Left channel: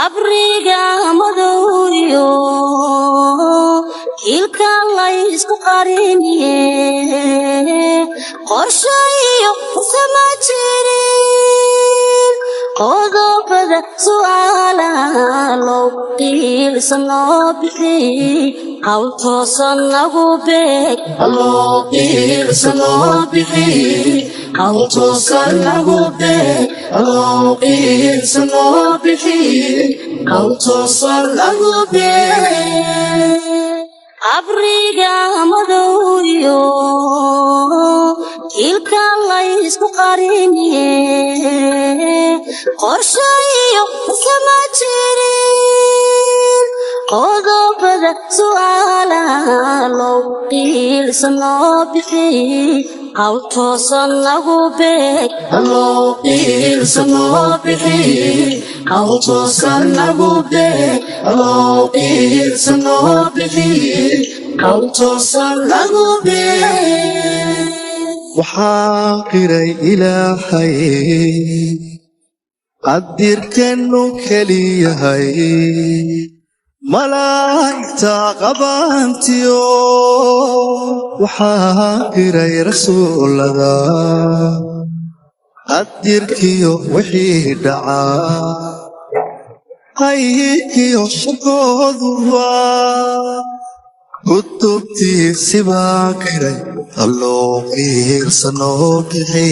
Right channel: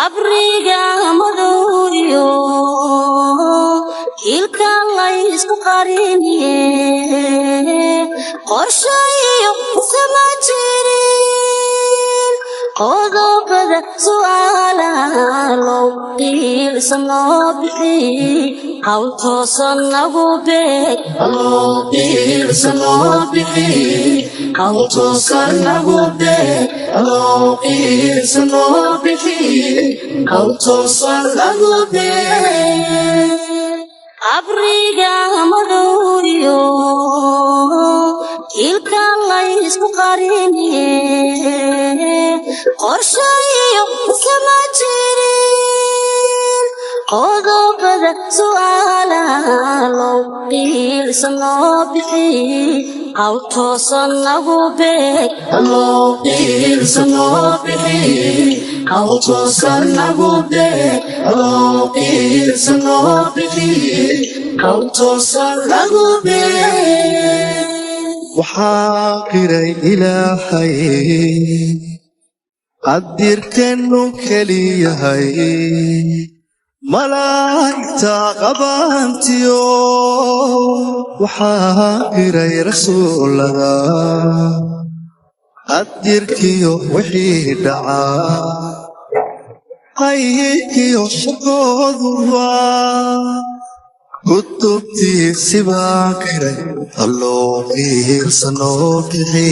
abrigamadooyo ilka laysku qariniye qorshayo kuma jirin qodobada su'aalaalow qiilsanoo bixi hawl toosan lagu beeg aloo qiilsanoo bixi hawl toosan lagu beeg aloo qiilsanoo bixi hawl toosan lagu beeg abrigamadooyo ilka laysku qariniye qorshayo kuma jirin qodobada su'aalaalow qiilsanoo bixi hawl toosan lagu beeg aloo qiilsanoo bixi hawl toosan lagu beeg aloo qiilsanoo bixi hawl toosan lagu beeg waxaa qiray ilaahay qadirkanu keliyahay malaa'igta qabantiyo waxaa qiray rasuulada qadirkiyo wixii dhacaa qaybkiyo shaqooduba kutubtiisibaa qiray alloo qiilsanoo bixi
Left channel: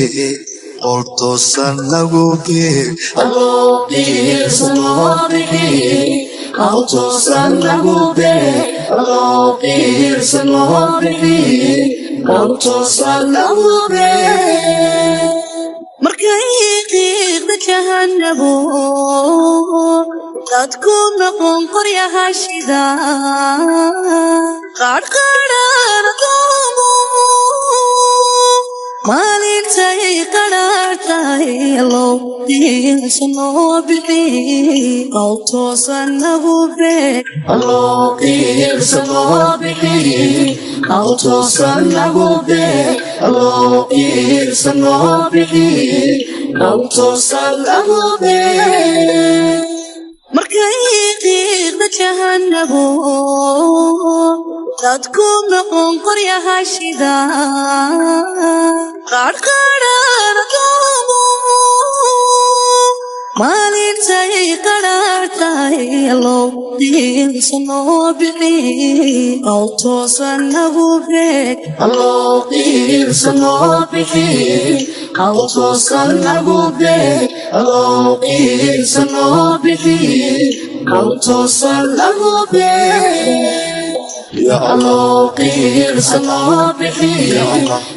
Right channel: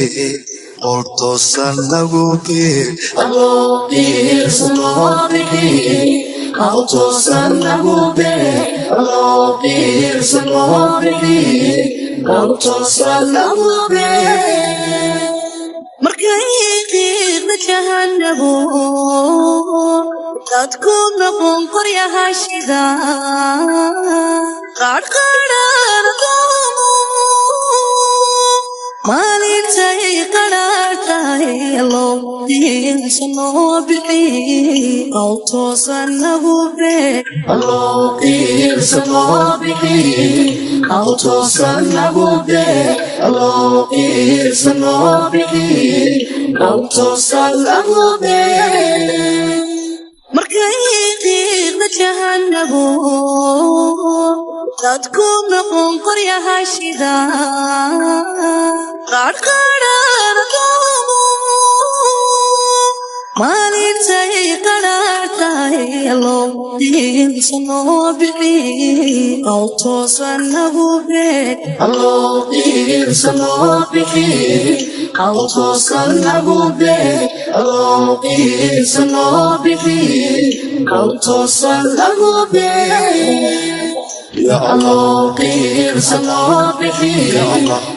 hawl toosan lagu beeg aloo qiilsanoo bixi hawl toosan lagu beeg aloo qiilsanoo bixi hawl toosan lagu beeg markay qiidna kahanago dadku noqon qaryahashida qaadhqaadhana kaamu maalintay qadhaartahay aloo qiilsanoo bixi hawl toosan lagu beeg aloo qiilsanoo bixi hawl toosan lagu beeg aloo qiilsanoo bixi hawl toosan lagu beeg markay qiidna kahanago dadku noqon qaryahashida qaadhqaadhana kaamu maalintay qadhaartahay aloo qiilsanoo bixi hawl toosan lagu beeg aloo qiilsanoo bixi hawl toosan lagu beeg aloo qiilsanoo bixi hawl toosan lagu beeg aloo qiilsanoo bixi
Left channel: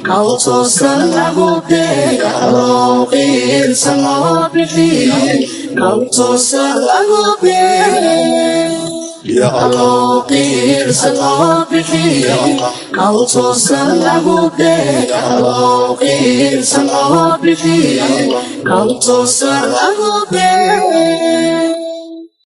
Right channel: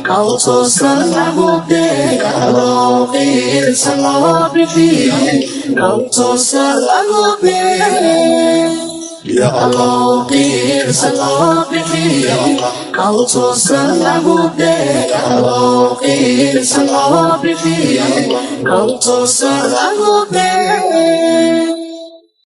hawl toosan lagu beeg aloo qiilsanoo bixi hawl toosan lagu beeg aloo qiilsanoo bixi hawl toosan lagu beeg aloo qiilsanoo bixi hawl toosan lagu beeg